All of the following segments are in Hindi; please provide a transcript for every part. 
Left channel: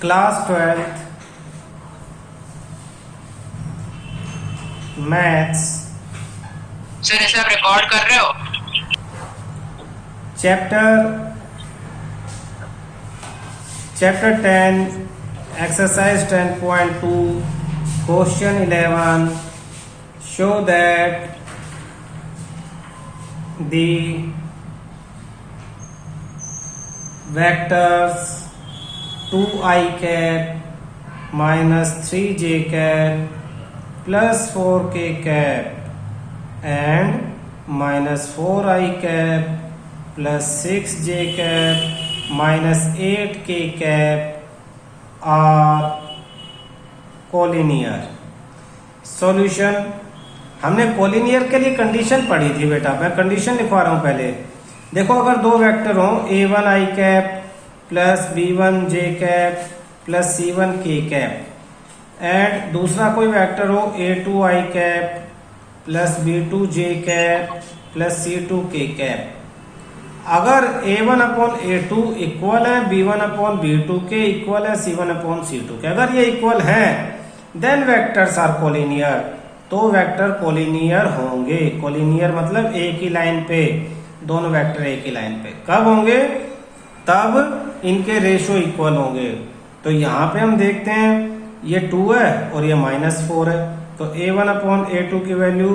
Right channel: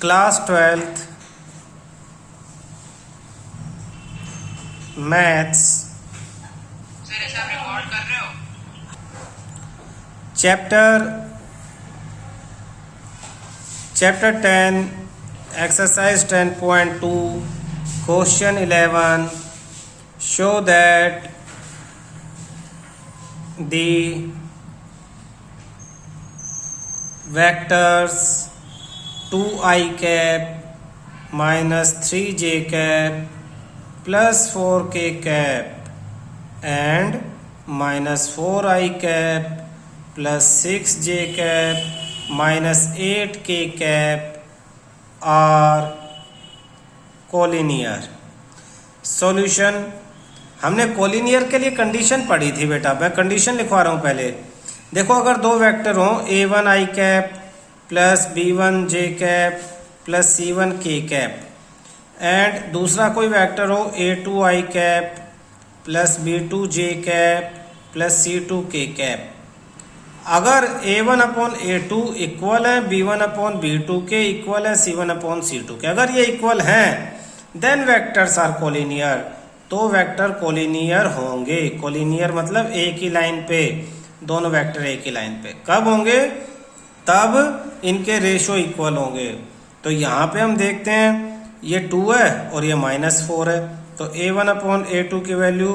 क्लास 12th मैथ्स सर ऐसा आप रिकॉर्ड कर रहे हो? Chapter 10 exercise 10.2 question 11 show that the vectors 2i cap minus 3j cap plus 4k cap and minus 4i cap plus 6j cap minus 8k cap are collinear. Solution. हमने कोलिनियर के लिए कंडीशन पढ़ी थी बेटा, मैं कंडीशन लिखवा रहा हूँ पहले. देखो अगर दो वेक्टर हों a1 i cap plus b1 j cap plus c1 k cap and दूसरा कोई वेक्टर हो a2 i cap plus b2 j cap plus c2 k cap. अगर a1 अपॉन a2 इक्वल है b1 अपॉन b2 के इक्वल है c1 अपॉन c2 के, अगर ये इक्वल हैं देन वेक्टर्स आर कोलिनियर, तो वेक्टर कोलिनियर होंगे. कोलिनियर मतलब एक ही लाइन पे दोनों वेक्टर एक ही लाइन पे. कब होंगे? तब इनके रेशो इक्वल होंगे. तो यहाँ पे हम देखते हैं ये 2 है और ये -4 है, तो a1 अपॉन a2 की वैल्यू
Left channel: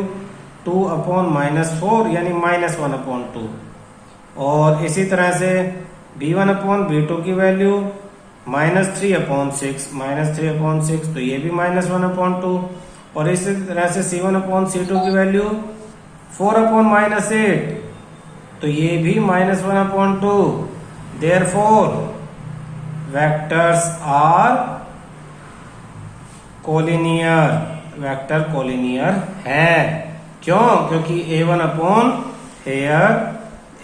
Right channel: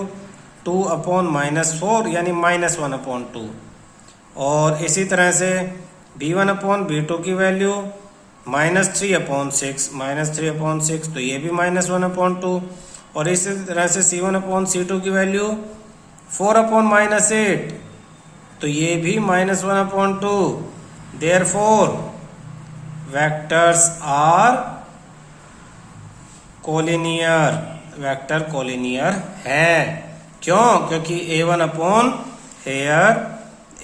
2 अपॉन -4 यानी -1/2. और इसी तरह से b1 अपॉन b2 की वैल्यू -3/6 -3/6, तो ये भी -1/2. और इसी तरह से c1 अपॉन c2 की वैल्यू 4 अपॉन -8, तो ये भी -1/2. Therefore vectors are collinear, vector collinear है. क्यों? क्योंकि a1 upon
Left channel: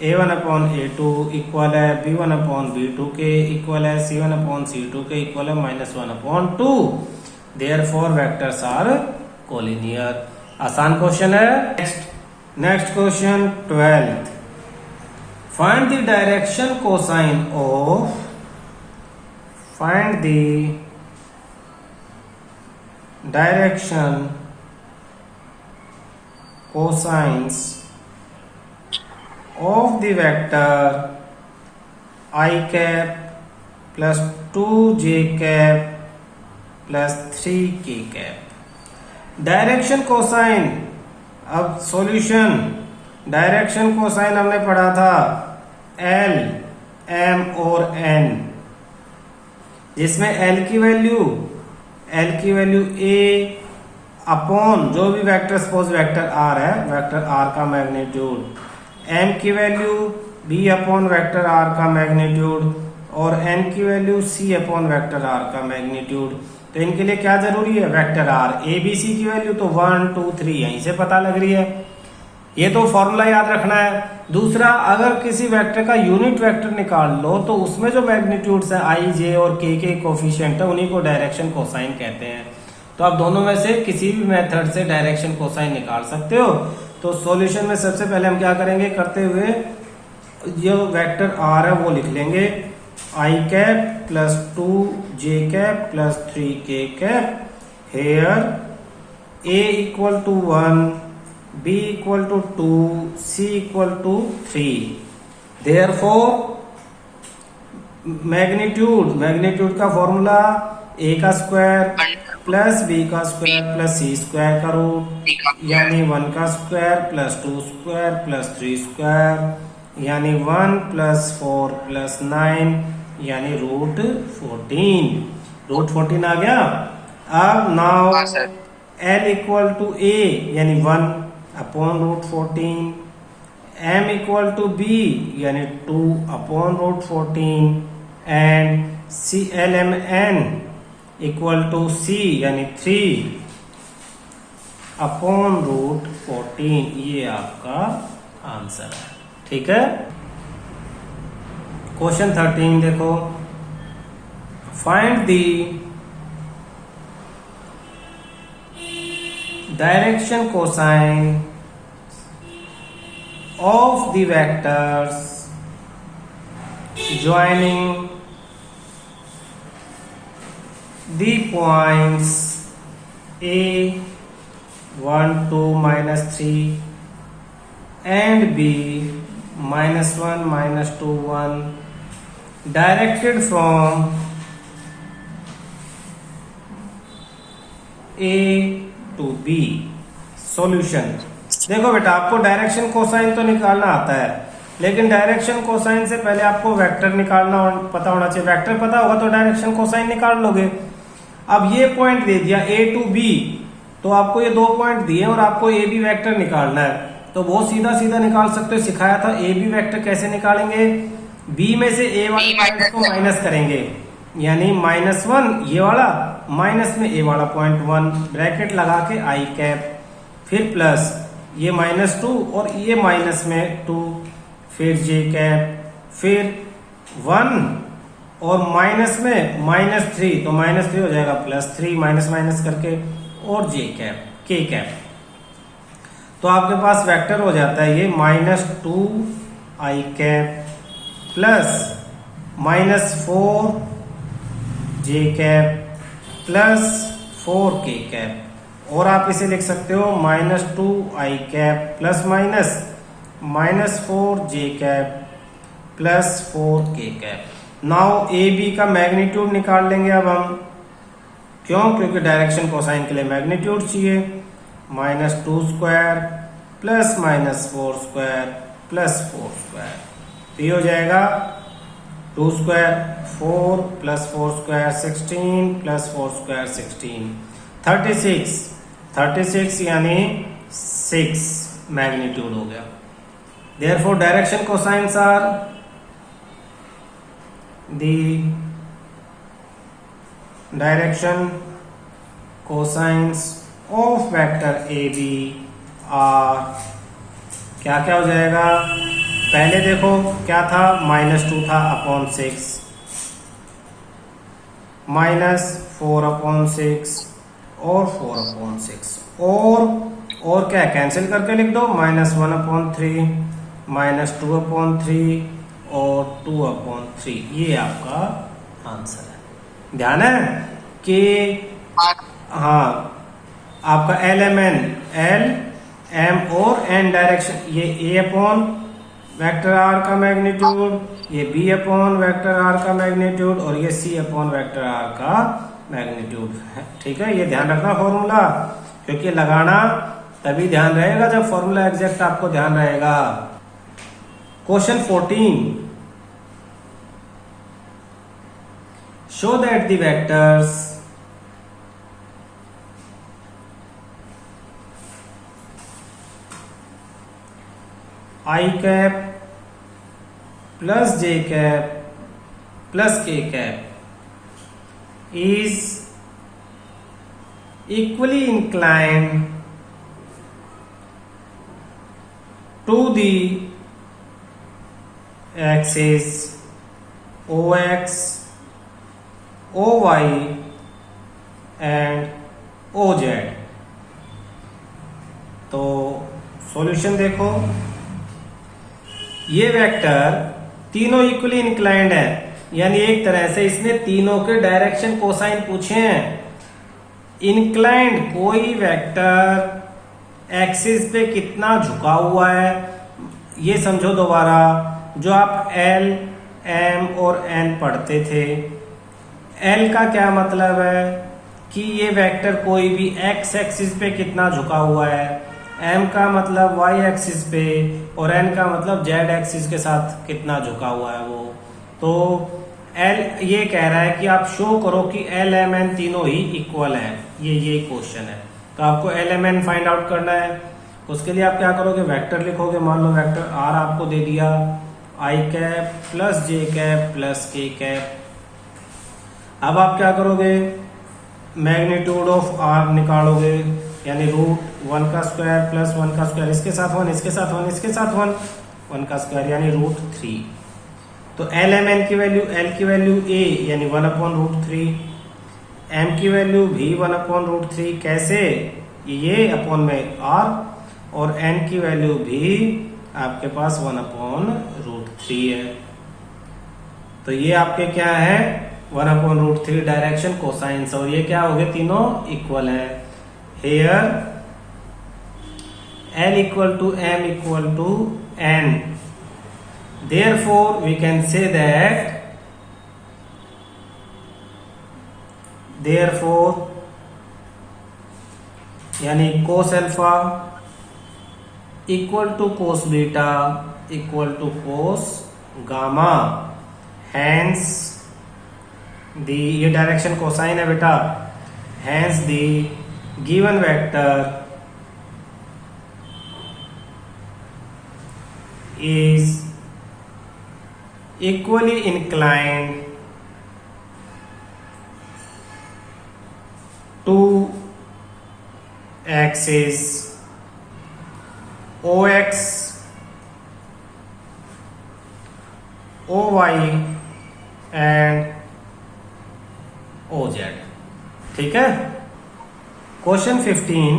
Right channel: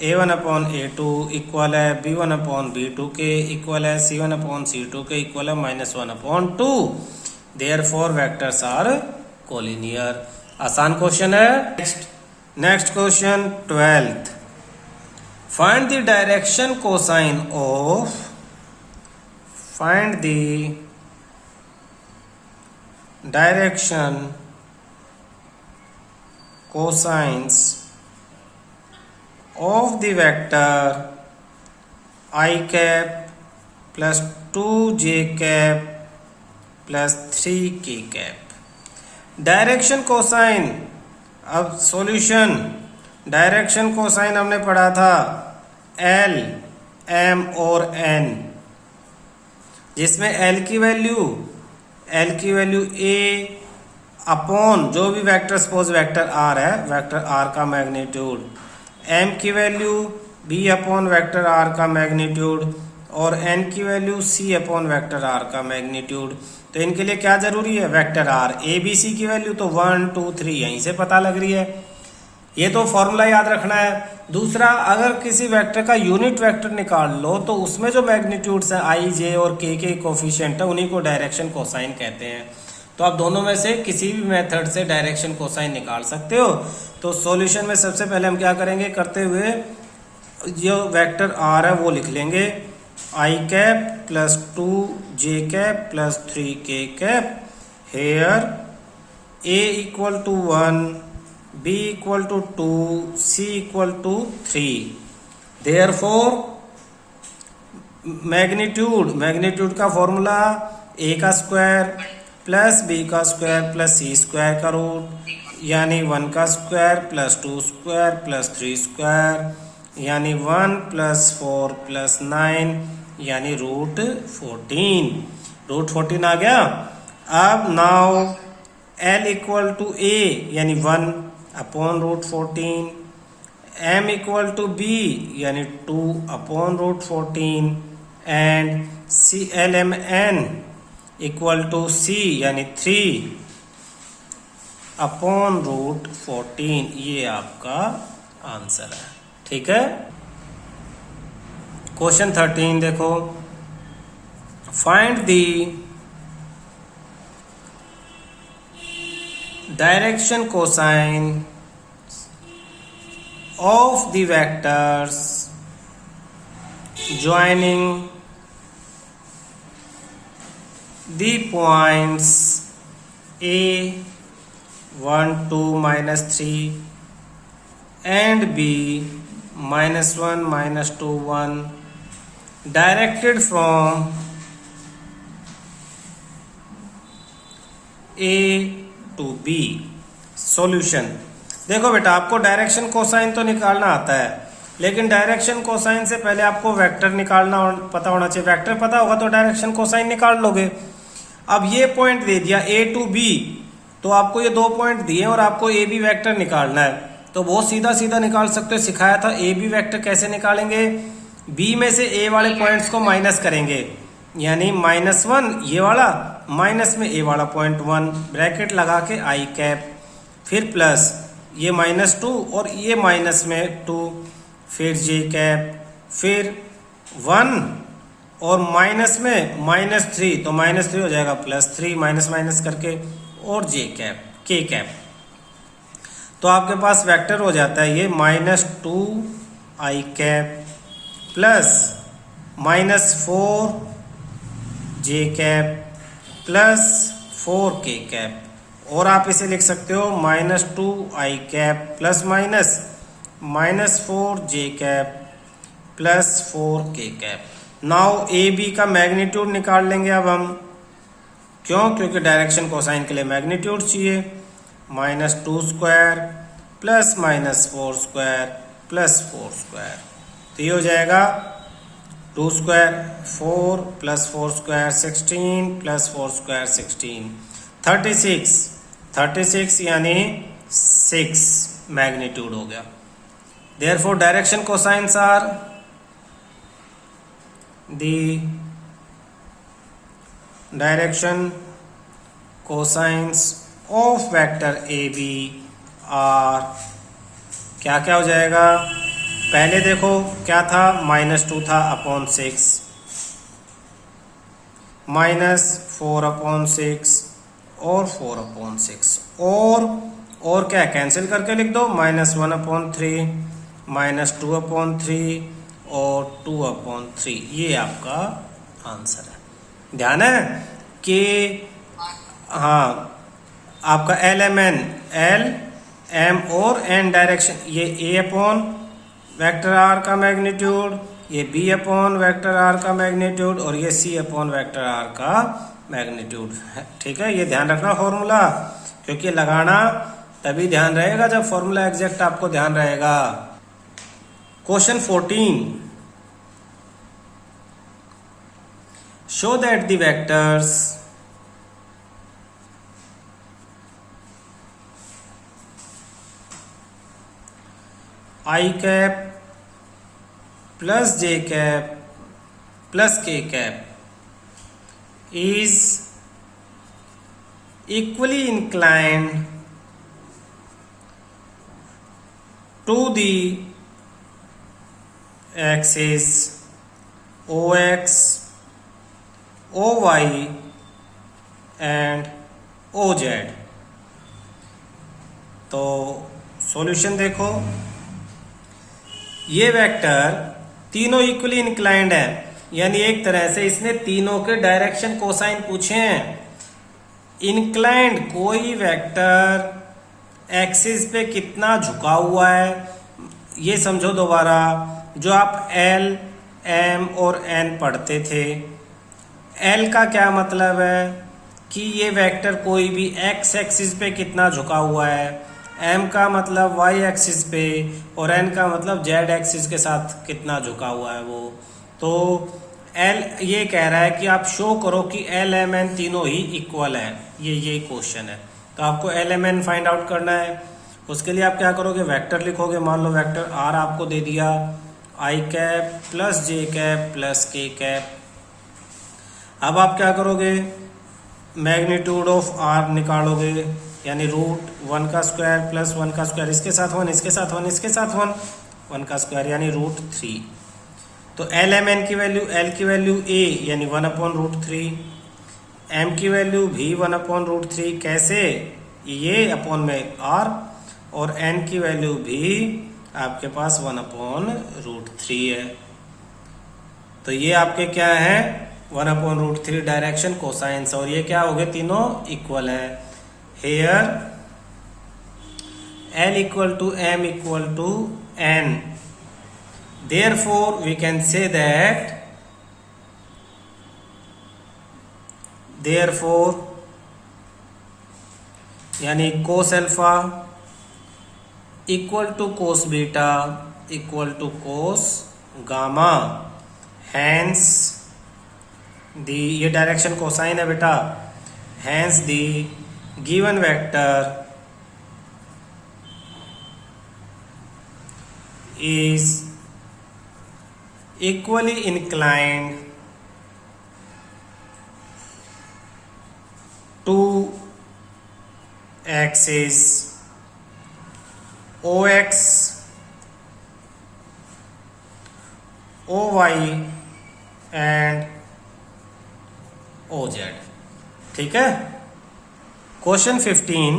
a1 upon a2 equal है b1 अपॉन b2 के इक्वल है c1 अपॉन c2 के इक्वल है -1/2. Therefore vectors are collinear. आसान क्वेश्चन है. Next question 12th. Find the direction cosine of cosines of the vector i cap plus 2j cap plus 3k cap. Direction cosine. अब सॉल्यूशन. डायरेक्शन कोसाइन हमने पढ़ा था L, M और N, जिसमें L की वैल्यू A अपॉन जो भी वेक्टर, सपोज वेक्टर R है, वेक्टर R का मैग्नीट्यूड, M की value B upon vector R का मैग्नीट्यूड और N की value C upon vector R का मैग्नीट्यूड. तो इनके लिए क्या जरूरी है? Vector R. A B C की वैल्यू तो 1 2 3 यहीं से पता लग रही है, ये तो फॉर्मूला याद रखना है. दूसरा, अगर किसी वेक्टर का यूनिट वेक्टर निकाल लो तो उसमें जो मैग्नीट्यूड्स हैं I, J और K के कोफिशिएंट है, उन्हीं को डायरेक्शन कोसाइन कहते हैं. तो आप दोनों में से किसी भी मेथड से डायरेक्शन कोसाइन निकाल सकते हो. तो सॉल्यूशन में सबसे पहले हम क्या करेंगे, करते हुए जो वेक्टर R है वो लिख लेंगे i cap plus 2j cap plus 3k cap. Here a equal to 1, b equal to 2, c equal to 3. Therefore magnitude का फॉर्मूला a का स्क्वायर प्लस b का स्क्वायर प्लस c स्क्वायर का रूट यानी 1 का square plus 2 square plus 3 square यानी 1 प्लस 4 प्लस 9 यानी √14. √14 आ गया. अब now L equal to A यानी 1 upon √14, M equal to B यानी 2 upon √14 and LMN equal to C यानी 3 अपॉन √14. ये आपका आंसर है. ठीक है. क्वेश्चन 13 देखो. Find the direction cosine of the vectors joining the points A 1 2 minus 3 and B minus 1 minus 2 1 directed from A to B. Solution देखो बेटा, आपको डायरेक्शन कोसाइन तो निकालना आता है, लेकिन डायरेक्शन कोसाइन से पहले आपको वेक्टर निकालना पता होना चाहिए। वेक्टर पता होगा तो डायरेक्शन कोसाइन निकाल लोगे। अब ये पॉइंट दे दिया A टू B, तो आपको ये 2 पॉइंट दिए और आपको ए बी वेक्टर निकालना है, तो बहुत सीधा सीधा निकाल सकते हो। सिखाया था ए बी वेक्टर कैसे निकालेंगे। बी में से ए वाले पॉइंट्स को माइनस करेंगे, यानी -1 ये वाला, माइनस में ए वाला पॉइंट 1, ब्रैकेट लगा के आई कैप, फिर प्लस ये -2 और ये माइनस में 2, फिर जे कैप, फिर 1 और माइनस में -3, तो -3 हो जाएगा +3, माइनस माइनस करके, और जे कैप के कैप। तो आपके पास वेक्टर हो जाता है ये -2 आई कैप प्लस -4 जे कैप प्लस 4 के कैप, और आप इसे लिख सकते हो -2 आई कैप प्लस -4 जे कैप प्लस 4 के कैप। नाउ ए बी का मैग्नीट्यूड निकाल लेंगे अब हम। क्यों? क्योंकि डायरेक्शन कोसाइन के लिए मैग्नीट्यूड चाहिए। -2 square plus -4 square plus 4 square, तो ये हो जाएगा 2 square 4 plus 4 square 16 plus 4 square 16, 36 यानी 6 मैग्नीट्यूड हो गया। Therefore direction cosines are the direction cosines of vector a b are क्या क्या हो जाएगा। पहले देखो क्या था, -2 था अपॉन 6, -4/6 और 4/6, और क्या कैंसिल करके लिख दो, -1/3 -2/3 और 2/3। ये आपका आंसर है। ध्यान है कि हाँ, आपका L M और N डायरेक्शन, ये A अपॉन वेक्टर R का मैग्नीट्यूड, ये B अपॉन वेक्टर R का मैग्नीट्यूड, और ये C अपॉन वेक्टर R का मैग्नीट्यूड है। ठीक है, ये ध्यान रखना फॉर्मूला, क्योंकि लगाना तभी ध्यान रहेगा जब फॉर्मूला एग्जैक्ट आपको ध्यान रहेगा। Question 14, show that the vectors I cap plus j cap plus k cap is equally inclined to the axis OX, OY and OZ। तो सॉल्यूशन देखो, ये वेक्टर तीनों इक्वली इंक्लाइंड है, यानी एक तरह से इसने तीनों के डायरेक्शन कोसाइन पूछे हैं। इंक्लाइंड कोई वेक्टर एक्सिस पे कितना झुका हुआ है, ये समझो दोबारा। जो आप L, M और N पढ़ते थे, L का क्या मतलब है कि ये वेक्टर कोई भी x एक्सिस पे कितना झुका हुआ है, M का मतलब y एक्सिस पे, और N का मतलब z एक्सिस के साथ कितना झुका हुआ है वो। तो L ये कह रहा है कि आप शो करो कि L, M, N तीनों ही इक्वल हैं। ये क्वेश्चन है, तो आपको L, M, N find out करना है। उसके लिए आप क्या करोगे, वेक्टर लिखोगे। मान लो वेक्टर R आपको दे दिया, I cap plus J cap plus K cap. अब आप क्या करोगे, मैग्नीट्यूड ऑफ R निकालोगे, यानी √1 का स्क्वायर प्लस 1 का स्क्वायर, इसके साथ 1, इसके साथ 1, इसके साथ 1 का स्क्वायर, यानी √3। तो L, M, N की वैल्यू, L की वैल्यू A यानी 1/√3, M की वैल्यू भी 1/√3। कैसे, ये अपॉन में R, और N की वैल्यू भी आपके पास 1/√3 है। तो ये आपके क्या है, 1/√3 डायरेक्शन कोसाइंस, और ये क्या हो गए, तीनों इक्वल है। Here L equal to M equal to N, therefore we can say that therefore यानी cos alpha equal to cos beta equal to cos gamma, hence the ये डायरेक्शन कोसाइन है बेटा, hence the given vector is equally inclined to axis OX, OY and OZ। ठीक है। Question 15,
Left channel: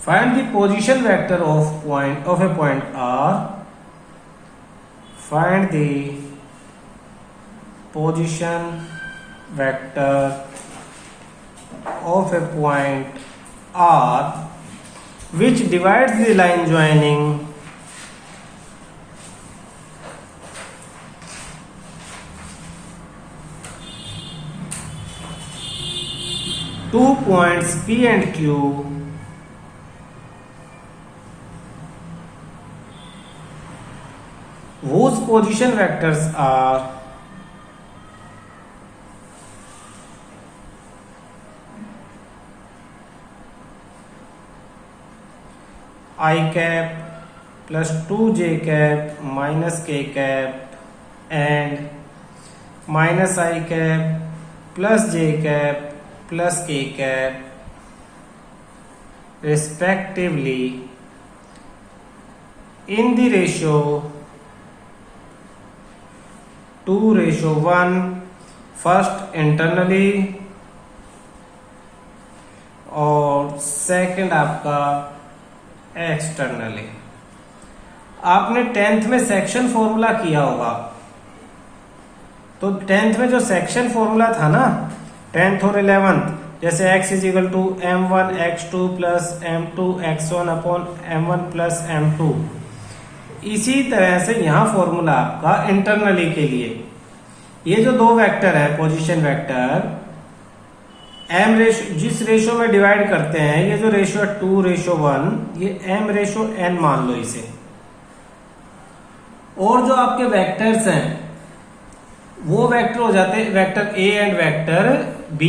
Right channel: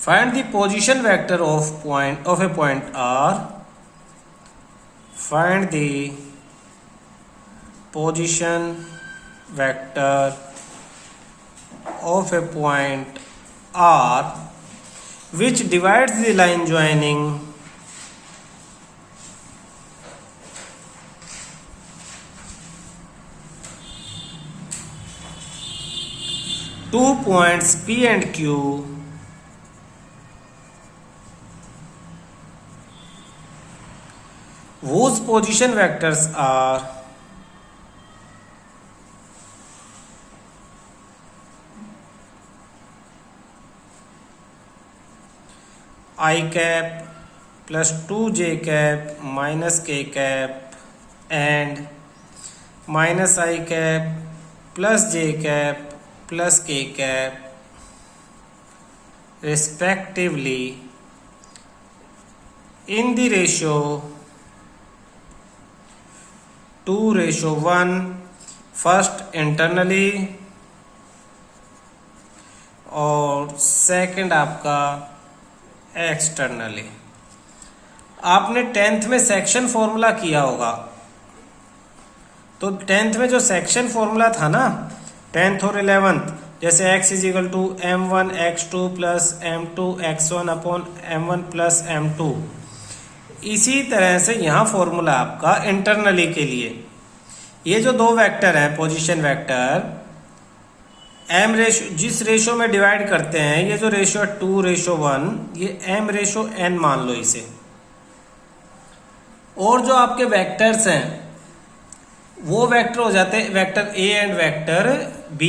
find the position vector of a point R, find the position vector of a point R which divides the line joining two points P and Q whose position vectors are I cap plus 2j cap minus k cap and minus I cap plus j cap plus k cap respectively in the ratio 2:1, first internally और सेकंड आपका एक्सटर्नली। आपने 10th में सेक्शन फॉर्मूला किया होगा, तो 10th में जो सेक्शन फॉर्मूला था ना 10th और 11th, जैसे x is equal to m1 x2 plus m2 x1 upon m1 plus m2, इसी तरह से यहाँ फॉर्मूला आपका इंटरनली के लिए, ये जो दो वेक्टर है पोजीशन वेक्टर m रेशो जिस रेशो में डिवाइड करते हैं, ये जो रेशो 2:1, ये m रेशो n मान लो इसे, और जो आपके वेक्टर्स हैं वो वेक्टर हो जाते हैं vector a and vector b।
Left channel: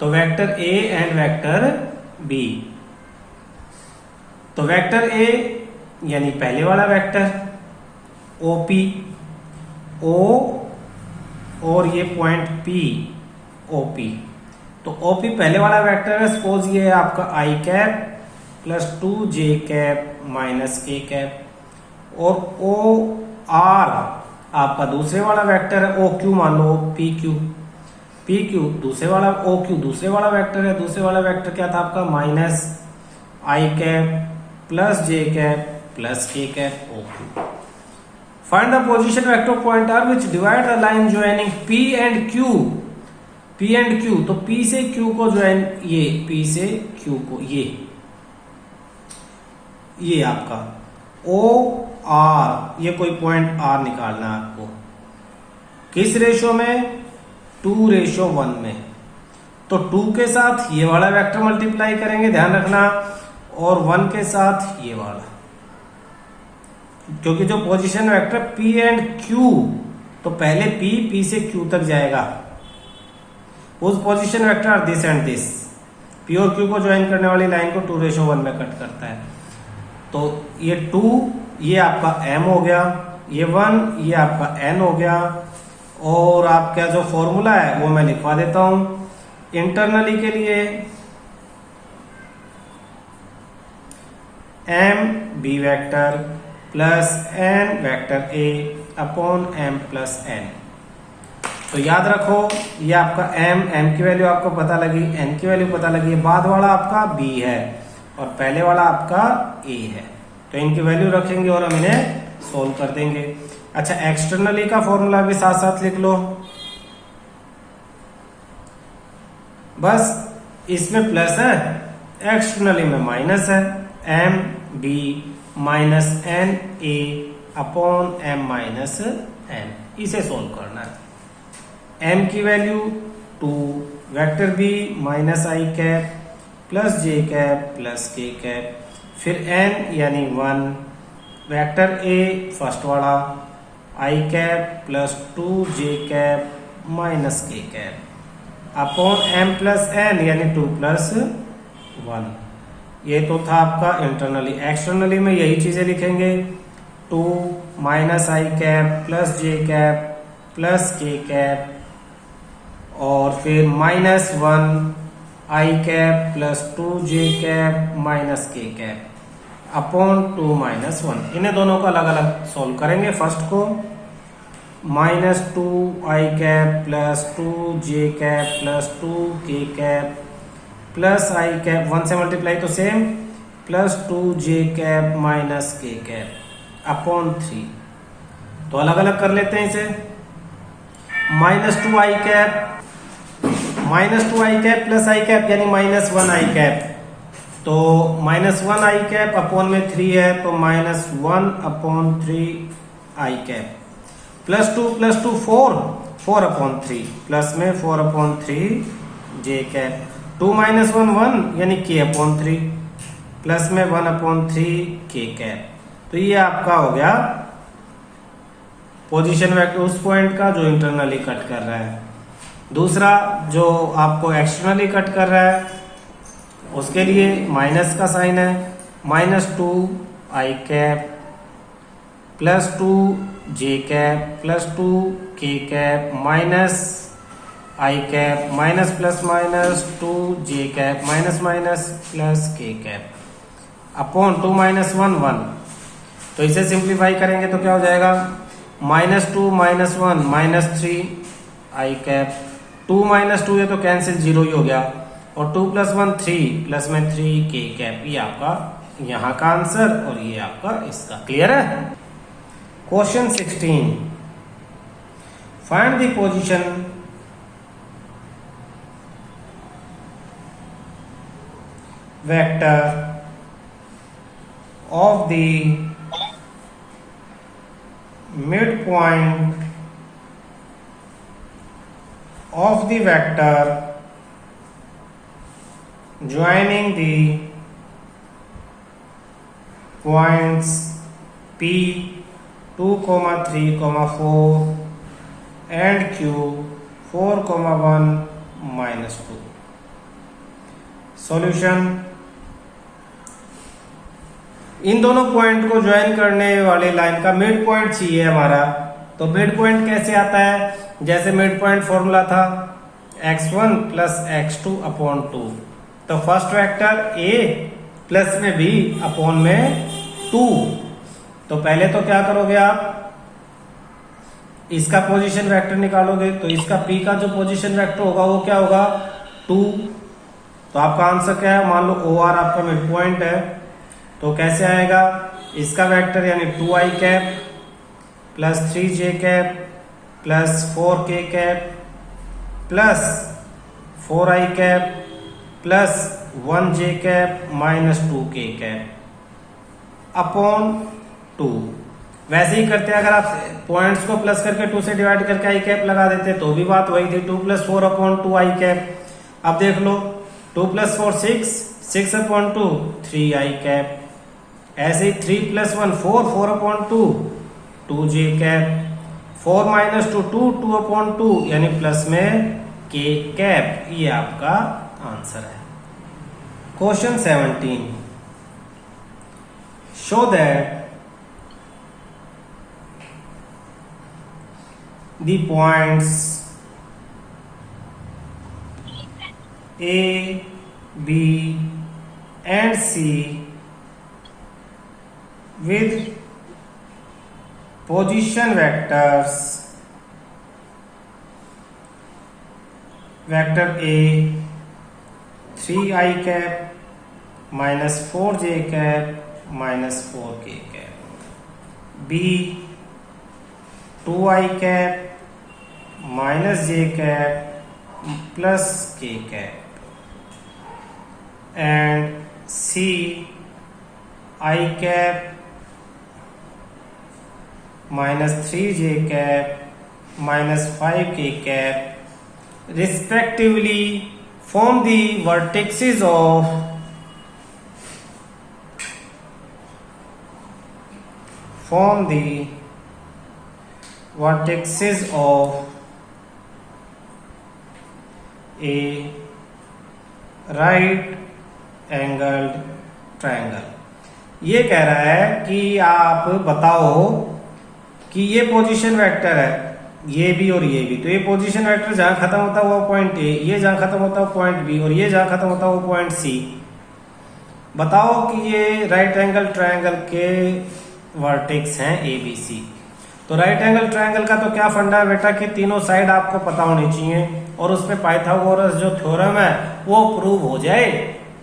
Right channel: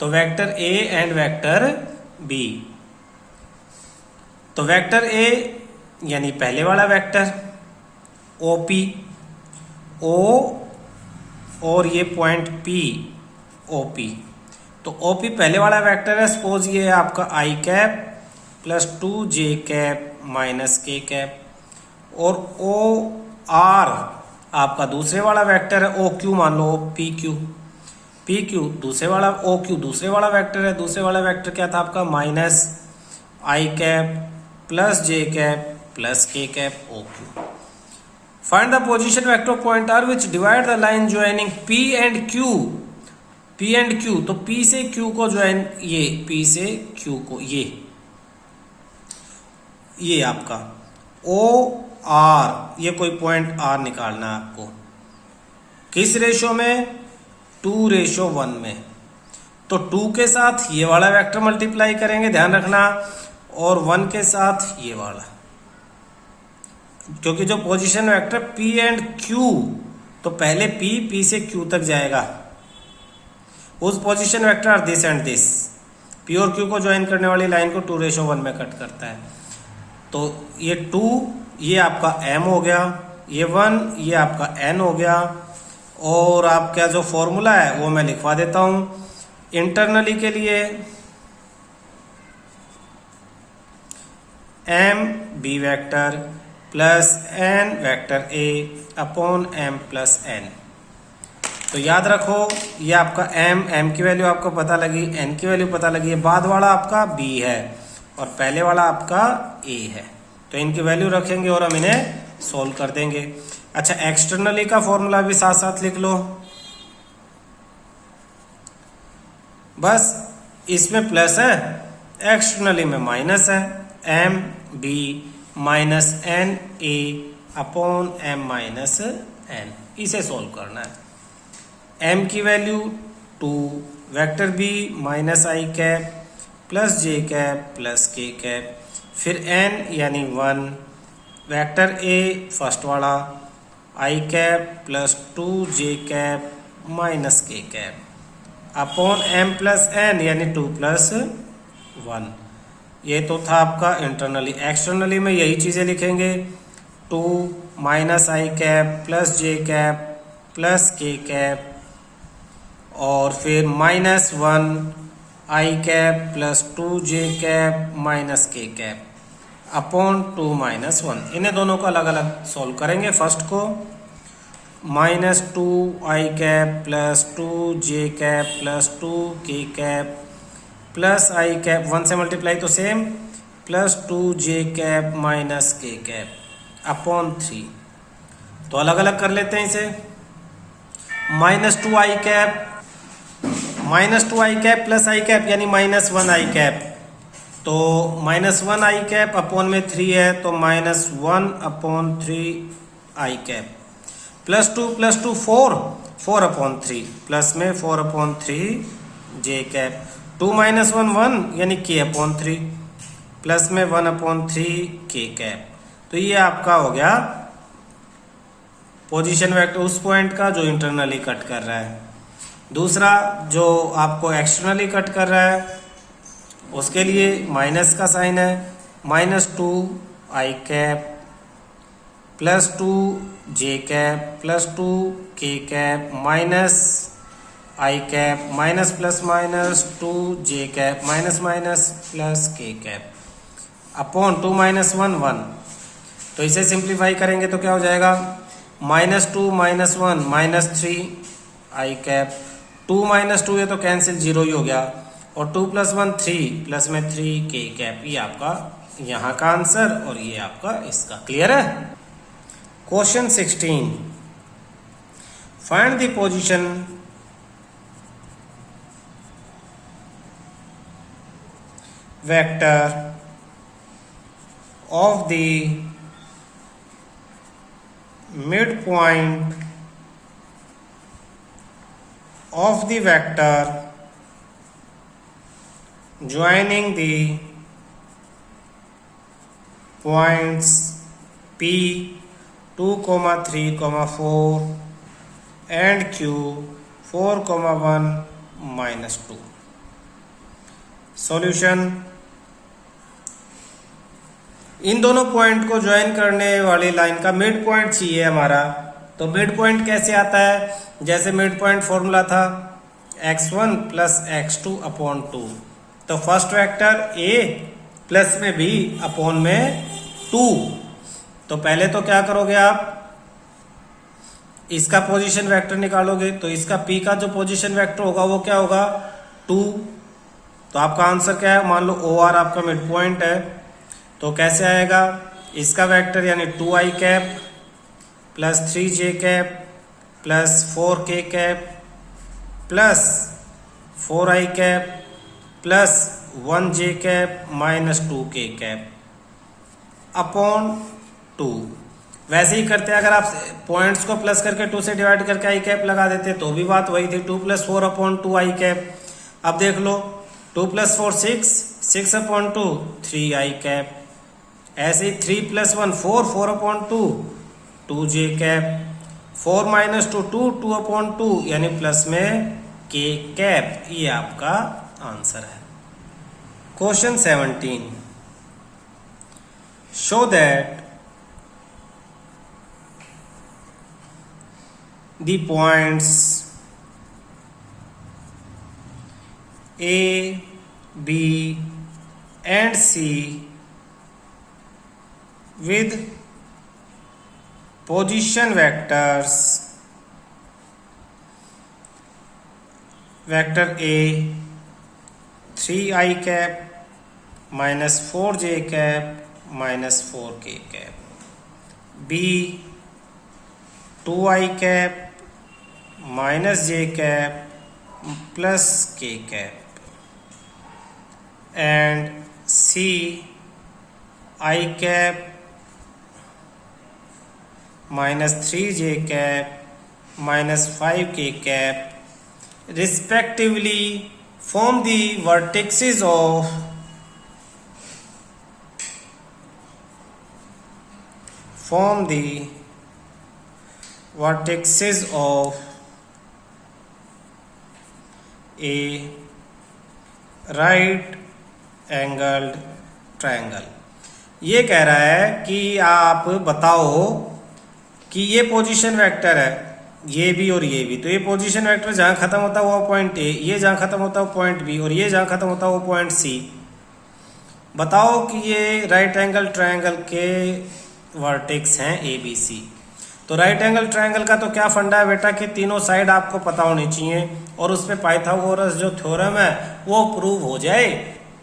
तो vector a and vector b, तो वेक्टर a यानी पहले वाला वेक्टर OP, O और ये पॉइंट P OP, तो OP पहले वाला वेक्टर है, सपोज ये है आपका I cap plus 2j cap minus k cap, और OR आपका दूसरे वाला वेक्टर है, OQ मान लो PQ दूसरे वाला, OQ दूसरे वाला वेक्टर है, दूसरे वाला वेक्टर क्या था आपका minus I cap plus j cap plus k cap OQ। Find the position vector of point R which divide the line joining P and Q, तो P से Q को ज्वाइन, ये P से Q को, ये आपका OR, ये कोई पॉइंट R निकालना है आपको, किस रेशो में 2:1 में, तो 2 के साथ ये वाला वेक्टर मल्टीप्लाई करेंगे, ध्यान रखना, और 1 के साथ ये वाला, क्योंकि जो position vector P and Q, तो पहले P से Q तक जाएगा, उस position vector are this and this, P और Q को ज्वाइन करने वाली लाइन को 2:1 में कट करता है, तो ये 2 ये आपका m हो गया, ये 1 ये आपका n हो गया, और आपका जो फॉर्मूला है वो मैं लिखवा देता हूं इंटरनली के लिए, m b vector plus n vector a upon m plus n। तो याद रखो ये आपका m की वैल्यू आपको पता लगी, n की वैल्यू पता लगी, बाद वाला आपका b है और पहले वाला आपका a है, तो इनकी वैल्यू रखेंगे और हम इन्हें सोल्व कर देंगे। अच्छा, एक्सटर्नली का फॉर्मूला भी साथ साथ लिख लो। बस इसमें प्लस है, एक्सटर्नली में माइनस है। M b minus n a upon m minus n, इसे सोल्व करना है। एम की value 2, vector b minus i cap plus j cap plus k cap, फिर एन यानी 1, वेक्टर ए फर्स्ट वाला i cap plus 2 j cap minus k cap upon m plus n यानी 2 प्लस 1। ये तो था आपका इंटरनली। एक्सटर्नली में यही चीज़ें लिखेंगे, 2 minus i cap plus j cap plus k cap और फिर माइनस 1 आई cap plus 2 j cap minus k cap upon 2 minus 1। इन्हें दोनों को अलग अलग सॉल्व करेंगे। फर्स्ट को माइनस 2 आई cap plus 2 j cap plus 2 के कैप प्लस आई कैप 1 से मल्टीप्लाई तो same plus 2 j cap minus k cap upon 3। तो अलग अलग कर लेते हैं इसे। माइनस 2 आई कैप प्लस आई कैप यानी माइनस 1 आई कैप, तो माइनस 1 आई कैप अपॉन में 3 है तो माइनस 1 अपॉन 3 आई कैप प्लस 2 4 अपॉन 3 प्लस में 4 अपॉन 3 जे कैप 2 माइनस 1 1 यानी के अपॉन 3 प्लस में 1 अपॉन 3 के कैप। तो ये आपका हो गया पोजीशन वेक्टर उस पॉइंट का जो इंटरनली कट कर रहा है। दूसरा जो आपको एक्सटर्नली कट कर रहा है उसके लिए माइनस का साइन है, माइनस 2 आई cap plus 2 j cap plus 2 के cap minus i cap minus plus minus 2 j cap minus minus plus k cap upon 2 minus 1 1। तो इसे सिंप्लीफाई करेंगे तो क्या हो जाएगा, माइनस 2 माइनस 1 माइनस 3 आई कैप 2 माइनस 2 ये तो कैंसिल 0 ही हो गया और 2 प्लस 1 3 प्लस में 3 के कैप। ये आपका यहाँ का आंसर और ये आपका इसका। क्लियर है। Question 16, find the position vector of the midpoint of the vector joining the points P 2, 3, 4 and Q 4, 1 minus 2। Solution, इन दोनों पॉइंट को ज्वाइन करने वाली लाइन का मिड पॉइंट चाहिए हमारा। तो मिड पॉइंट कैसे आता है, जैसे मिड पॉइंट फॉर्मूला था x1 प्लस x2 अपॉन 2। तो फर्स्ट वेक्टर a प्लस में b अपॉन में 2। तो पहले तो क्या करोगे आप, इसका पोजीशन वेक्टर निकालोगे तो इसका p का जो पोजीशन वेक्टर होगा वो क्या होगा 2। तो आपका आंसर क्या है, मान लो OR आपका मिड पॉइंट है तो कैसे आएगा, इसका वेक्टर यानी 2 आई कैप प्लस 3 जे कैप प्लस 4 के कैप प्लस 4 आई कैप प्लस 1 जे कैप माइनस 2 के कैप अपॉन 2। वैसे ही करते हैं, अगर आप पॉइंट्स को प्लस करके 2 से डिवाइड करके आई कैप लगा देते तो भी बात वही थी, 2 प्लस 4 अपॉन 2 आई कैप। अब देख लो 2 प्लस 4 6 अपॉन 2 3 आई कैप। ऐसे ही 3 plus 1 4 upon 2 j cap 4 minus 2 2 upon 2 यानी प्लस में के कैप। ये आपका आंसर है। Question 17, show that the points A, B and C with position vectors vector A 3i cap minus 4j cap minus 4k cap, B 2i cap minus j cap plus k cap and c i cap minus 3j cap minus 5k cap respectively form the vertices of a right angled triangle। ये कह रहा है कि आप बताओ कि ये पोजीशन वेक्टर है, ये भी और ये भी, तो ये पोजीशन वेक्टर जहां खत्म होता है वो पॉइंट ए, ये जहां खत्म होता है वो पॉइंट बी, और ये जहां खत्म होता है वो पॉइंट सी। बताओ कि ये राइट एंगल ट्रायंगल के वर्टेक्स हैं ए बी सी। तो राइट एंगल ट्रायंगल का तो क्या फंडा है बेटा कि तीनों साइड आपको पता होनी चाहिए, और उसमें पाइथागोरस जो थ्योरम है वो प्रूव हो जाए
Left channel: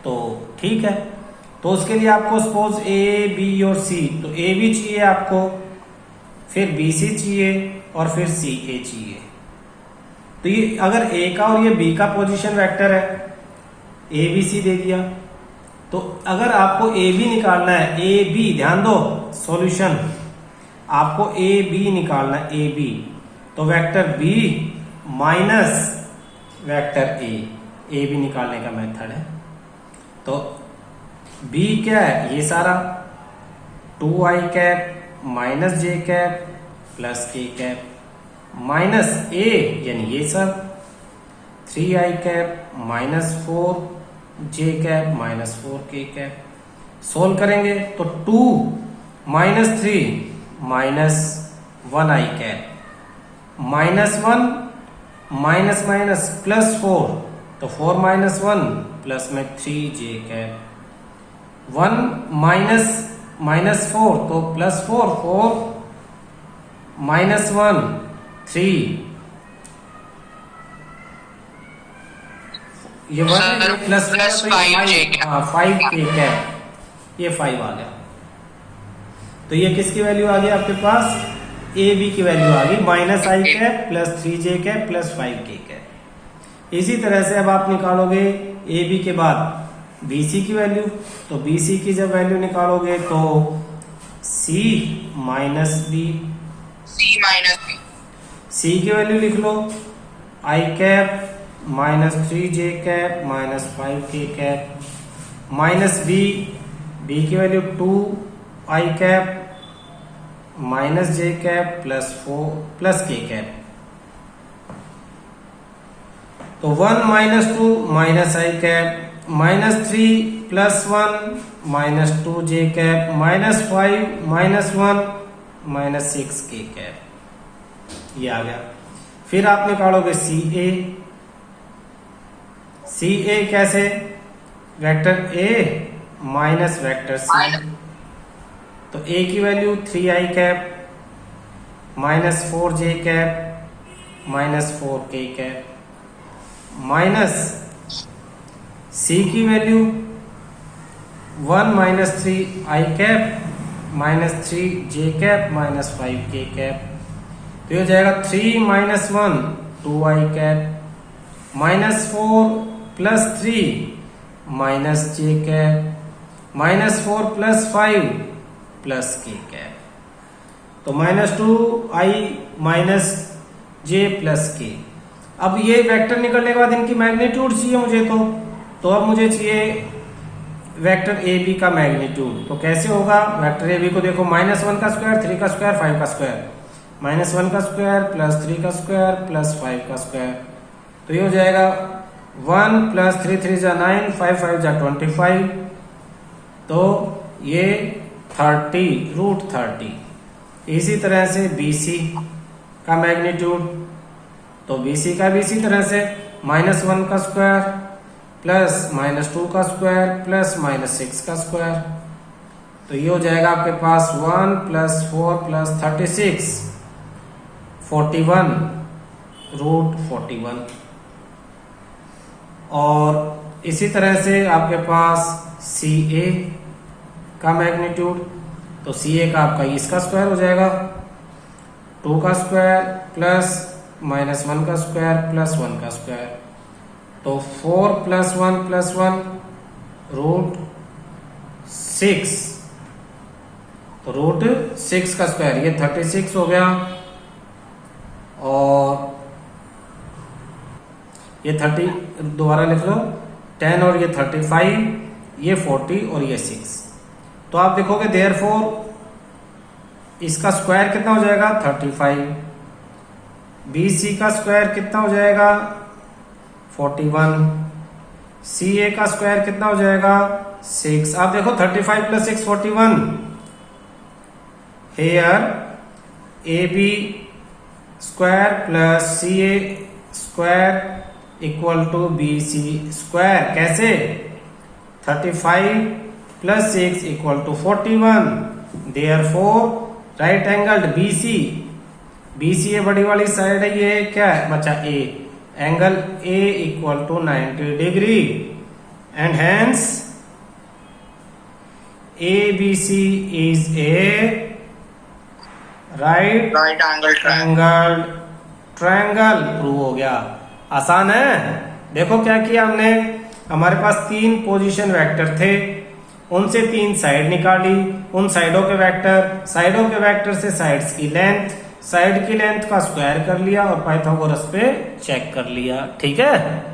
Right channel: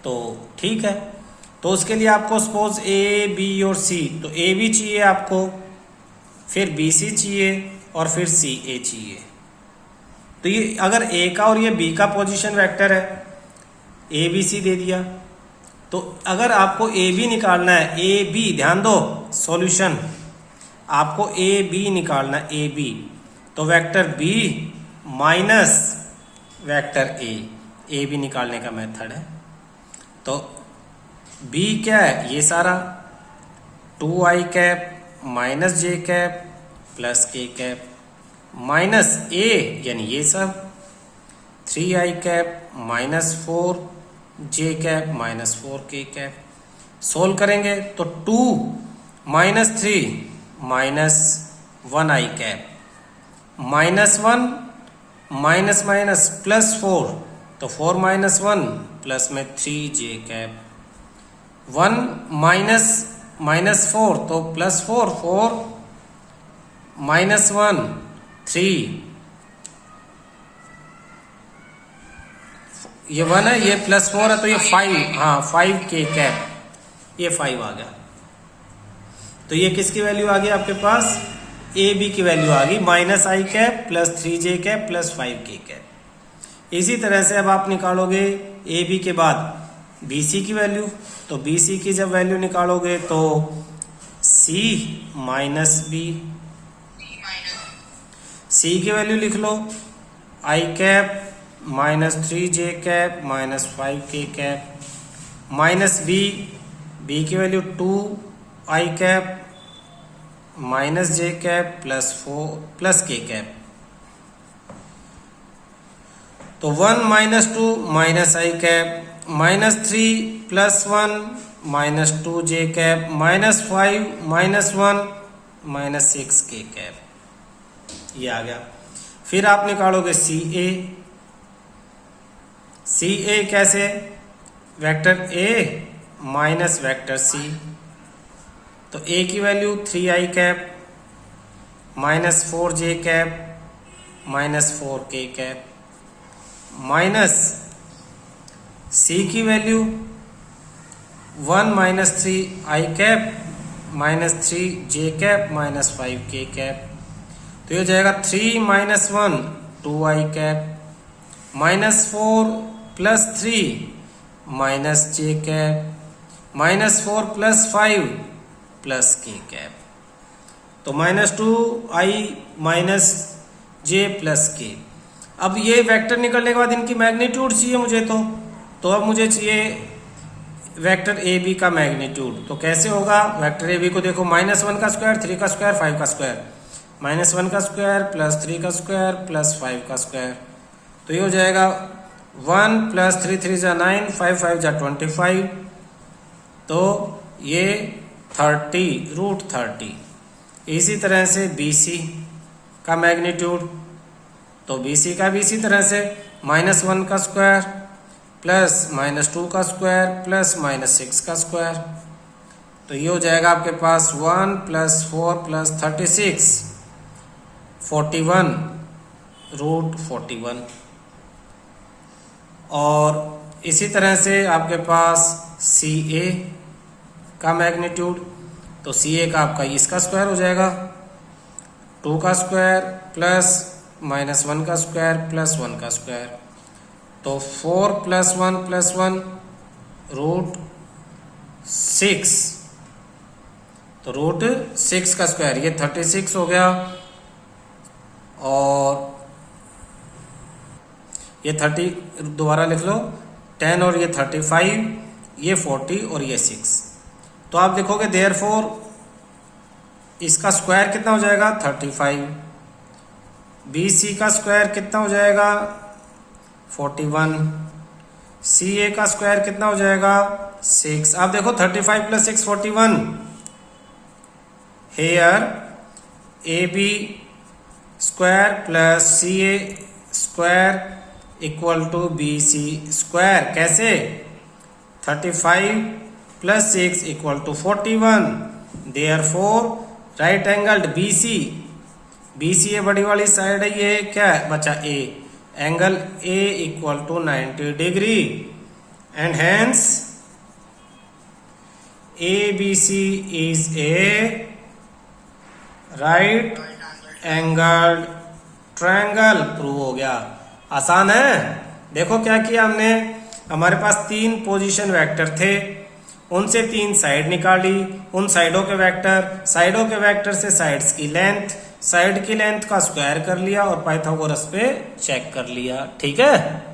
तो ठीक है। तो उसके लिए आपको सपोज ए बी और सी, तो ए बी चाहिए आपको, फिर बी सी चाहिए और फिर सी ए चाहिए। तो ये अगर ए का और ये बी का पोजीशन वेक्टर है, ए बी सी दे दिया, तो अगर आपको ए बी निकालना है, ए बी ध्यान दो सॉल्यूशन, आपको ए बी निकालना है, ए बी, तो vector b minus vector a b निकालने का मेथड है। तो बी क्या है, ये सारा 2i cap minus j cap plus k cap minus ए यानी ये सब 3i cap minus 4j cap minus 4k cap. Solve करेंगे तो 2 minus 3 minus 1i cap minus 1 minus minus plus 4, तो 4 माइनस 1 प्लस में 3j कैप 1 माइनस माइनस 4 तो प्लस 4 माइनस 1 3, ये 1 है, ये प्लस 4 है, तो ये 5, हाँ 5k कैप, ये 5 आ गया। तो ये किसकी वैल्यू आ गई आपके पास, ए बी की वैल्यू आ गई minus i cap plus 3j cap plus 5k cap. इसी तरह से अब आप निकालोगे ए बी के बाद बी सी की वैल्यू, तो बी सी की जब वैल्यू निकालोगे तो सी माइनस बी, सी की वैल्यू लिख लो i cap minus 3j cap minus 5k cap minus B, B की value 2i cap minus j cap plus 4 plus k cap, तो 1 minus 2 minus i cap minus 3 plus 1 minus 2j cap minus 5 minus 1 minus 6k cap, ये आ गया। फिर आप निकालोगे सी ए कैसे, vector A minus vector C, तो ए की value 3i cap minus 4j cap minus 4k cap minus C की value 1 minus 3i cap minus 3j cap minus 5k cap, तो ये हो जाएगा 3 minus 1 2i cap minus 4 plus 3 minus j cap minus 4 plus 5 plus k cap, तो minus 2i minus j plus k. अब ये वेक्टर निकलने के बाद इनकी मैग्नीट्यूड चाहिए मुझे, तो अब मुझे चाहिए वेक्टर ए बी का मैग्नीट्यूड। तो कैसे होगा, वेक्टर ए बी को देखो माइनस 1 का स्क्वायर 3 का स्क्वायर 5 का स्क्वायर माइनस 1 का स्क्वायर प्लस 3 का स्क्वायर प्लस 5 का स्क्वायर, तो ये हो जाएगा 1 प्लस 3 3 जा 9 5 5 जा 25, तो ये 30 रूट 30। इसी तरह से BC का मैग्नीट्यूड, तो BC का भी इसी तरह से माइनस 1 का स्क्वायर प्लस माइनस 2 का स्क्वायर प्लस माइनस 6 का स्क्वायर, तो ये हो जाएगा आपके पास 1 प्लस 4 प्लस 36 41 रूट 41। और इसी तरह से आपके पास CA का मैग्नीट्यूड, तो CA का आपका इसका स्क्वायर हो जाएगा 2 का स्क्वायर प्लस -1 का स्क्वायर प्लस 1 का स्क्वायर, तो 4 + 1 + 1 √6, तो √6 का स्क्वायर, ये 36 हो गया, और ये 30 दोबारा लिख लो, 10 और ये 35, ये 40 और ये 6। तो आप देखोगे देयरफॉर इसका स्क्वायर कितना हो जाएगा 35, BC का स्क्वायर कितना हो जाएगा 41, CA का स्क्वायर कितना हो जाएगा 6। आप देखो 35 + 6 41, here AB square plus CA square equal to BC square. कैसे? 35 + 6 = 41, देयरफॉर राइट एंगल्ड BC ये बड़ी वाली साइड है, ये क्या है बचा A, angle A = 90 degree, and hence ABC is a right angled triangle. Prove हो गया। आसान है। देखो क्या किया हमने, हमारे पास 3 पोजीशन वेक्टर थे, उनसे 3 साइड निकाली, उन साइडों के वेक्टर से साइड्स की लेंथ, साइड की लेंथ का स्क्वायर कर लिया और पाइथागोरस पे चेक कर लिया। ठीक है।